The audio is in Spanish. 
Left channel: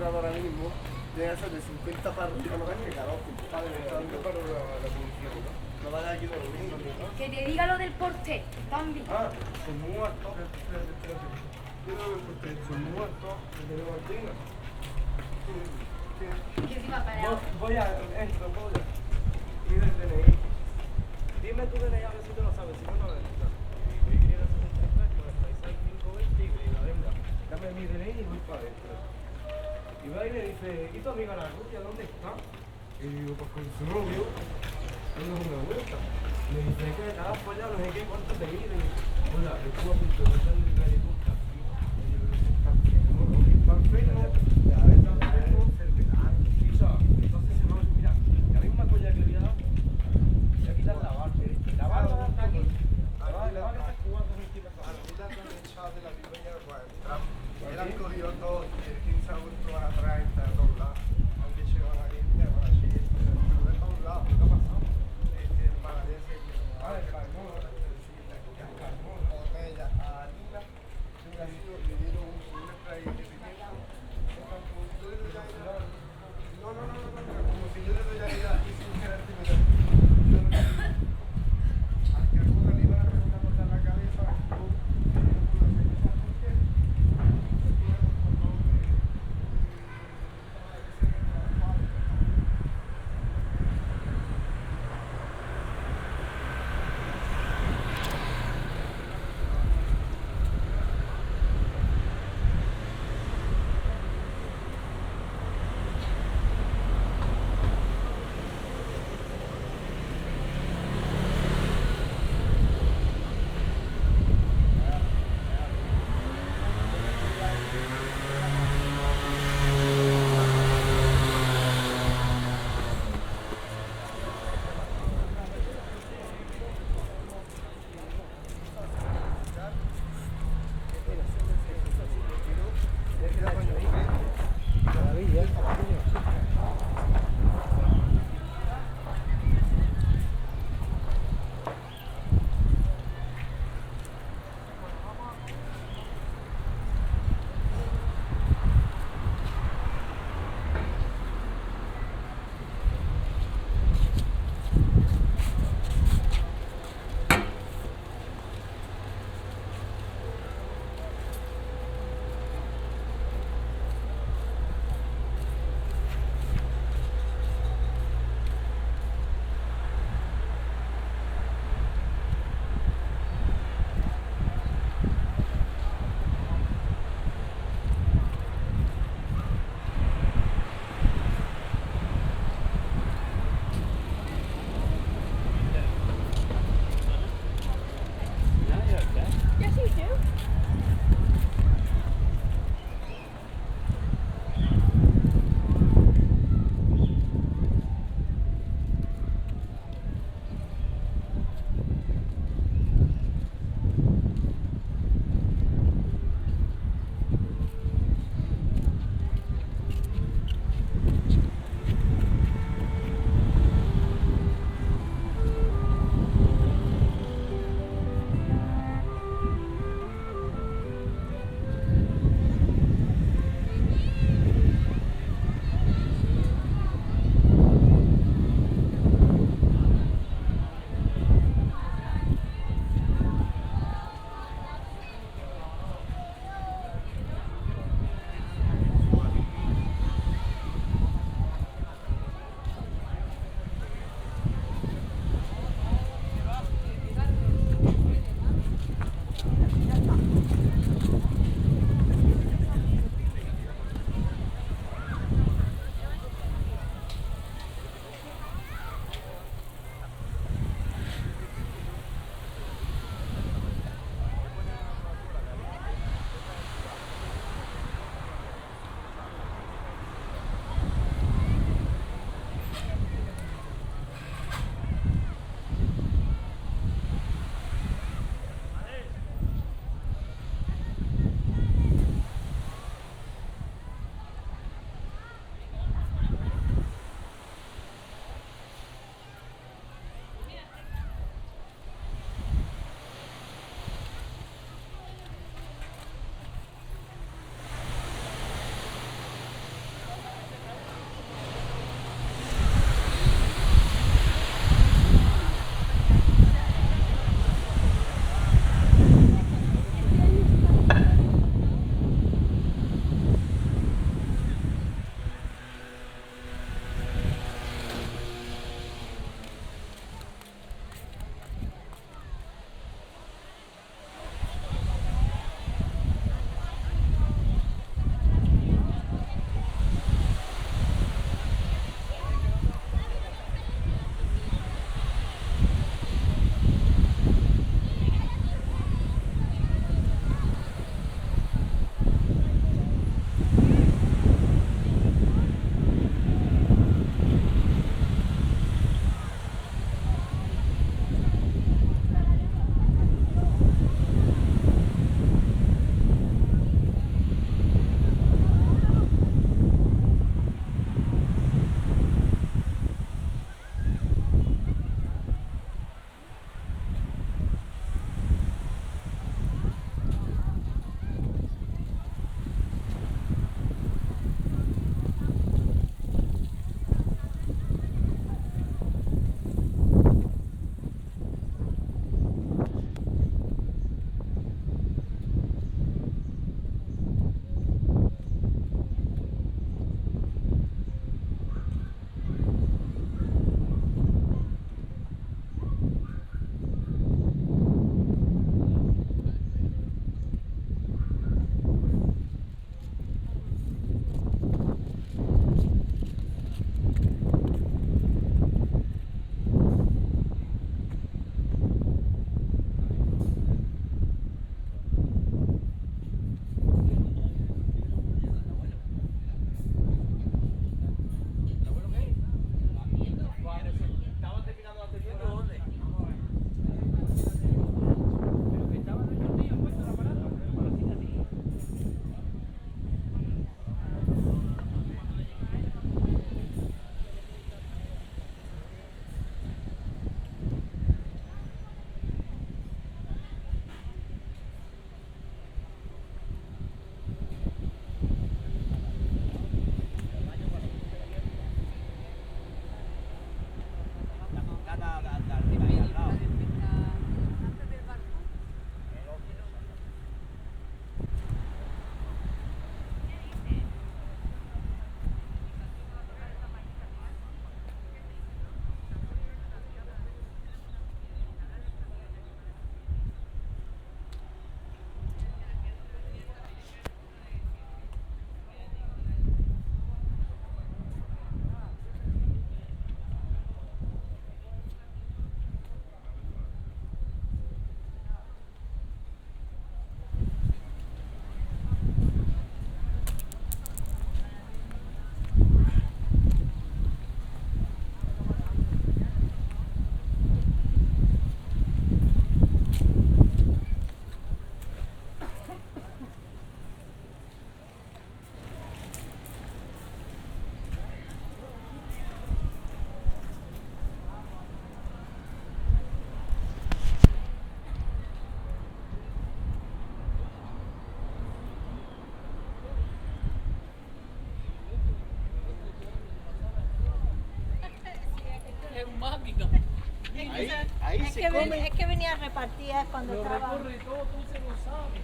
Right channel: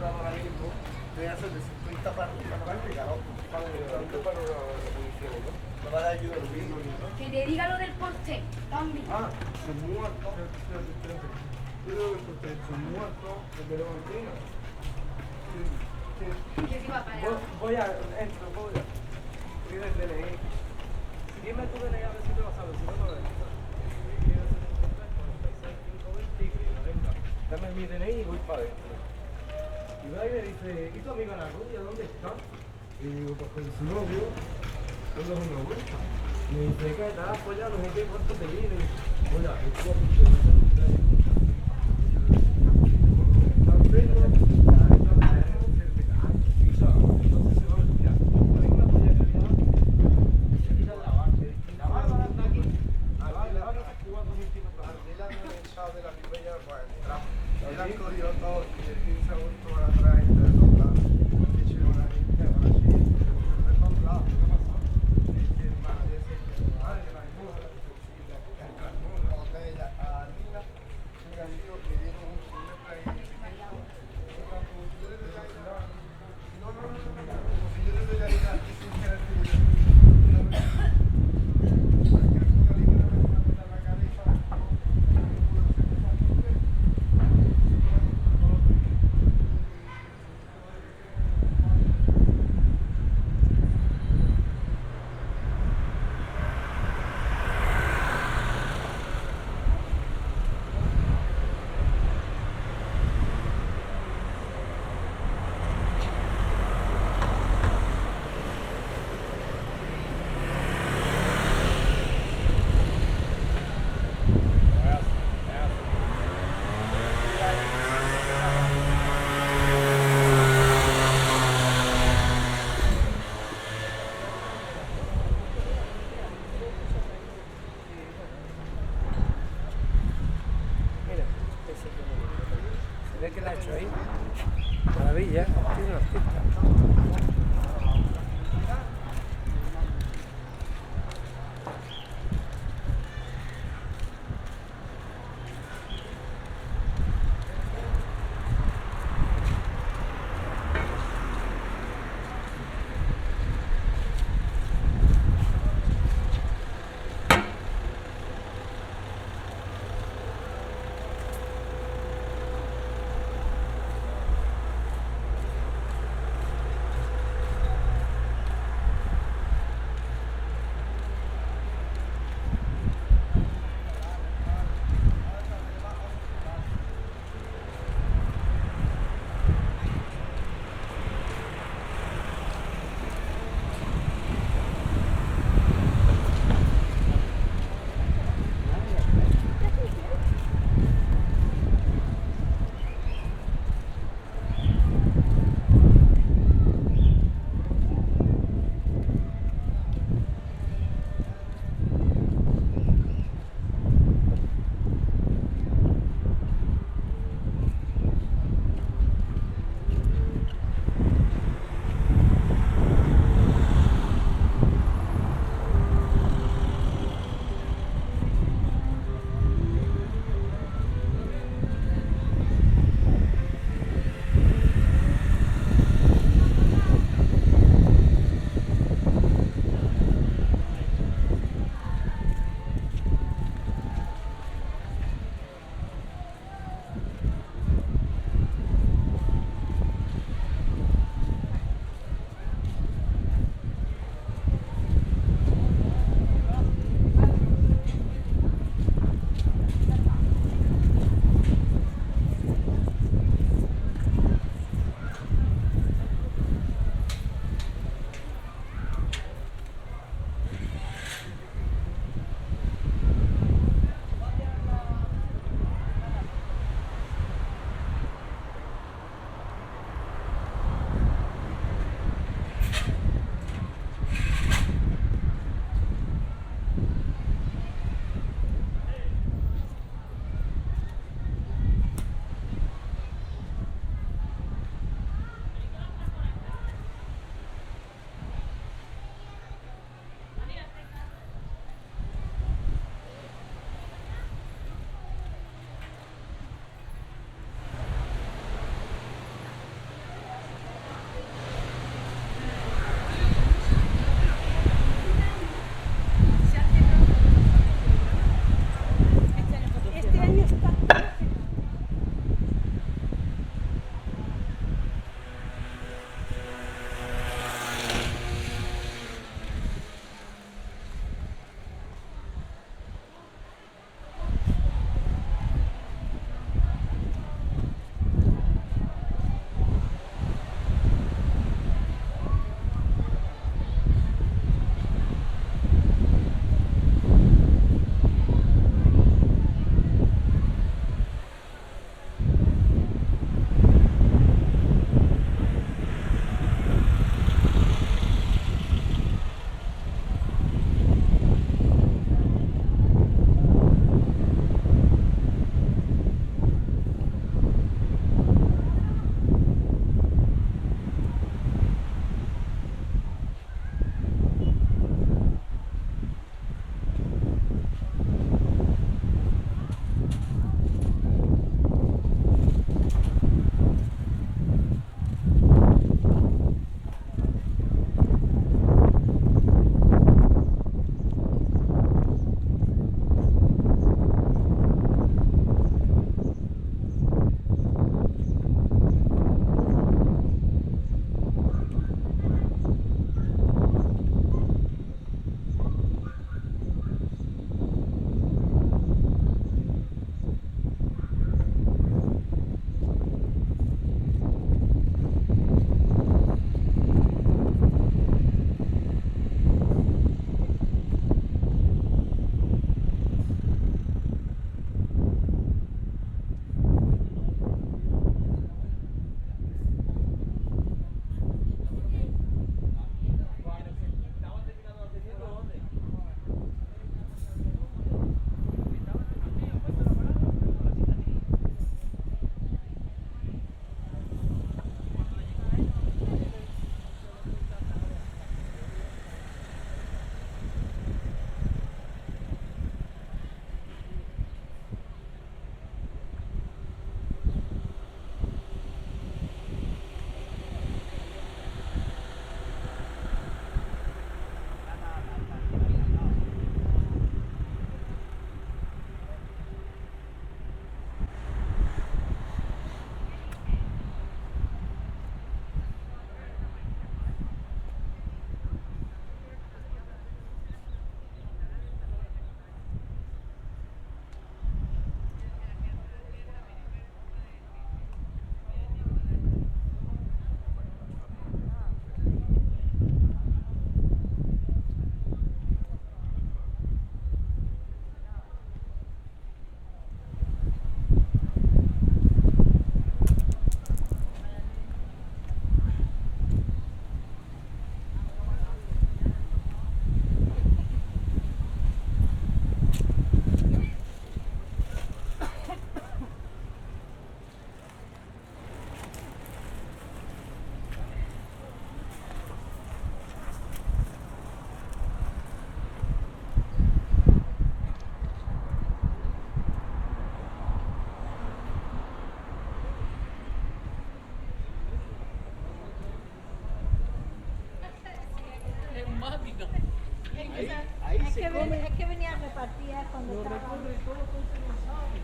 era ahora mismo, debe ser de 50 para arriba, no vale, carajo. A ver, para la policía, ¿no? No va a dar ayuda. Que te diga lo del porté, también. Ah, sus muertos. Yo creo que el porté, sus muertos, de Clementina. Que si va para allá. Voy a, entro, voy a. Pide el DNI. Dime tu DNI a ver si te lo sabes, si no, no lo ves. Dame mi DNI y voy para adentro. Y va y me dice, ¿y tu amiga la rubia dónde está? Y digo, pues con su novio, dándose una vuelta. Me dice, ¿qué? Nada, pues ya, no sé qué, cuánto te mide. Oiga, estuvo a punto de hacer un trayecto. Está enfermo, cada vez está enfermo, enfermedad. Entonces se va a olvidar. La misma polla que le voy a dar, le quitan la barba. La barba está aquí. La barba está aquí, igual con mi tira. A mí la han echado de la librería para entrar. Le han cogido todo y el 15 de agosto van a traer de todos lados. Han dicho que van a ir de Brasil, pero de todos lados. ¿Qué pasó? Dice, van a decir que son que la hermosa, que hay carmona, botella a Nina, un amigo le dieron un spray de pimienta. Como si yo le doy a ella. No, como si yo le doy a ella y sin querer terminar. Para que alguna libra me va a cortar la cabeza, no puedo hacer esa porque. es un máquina. Ahí se come. Es que venía a repartir cuando Lo estaba... recorre todo, tú se lo sabes.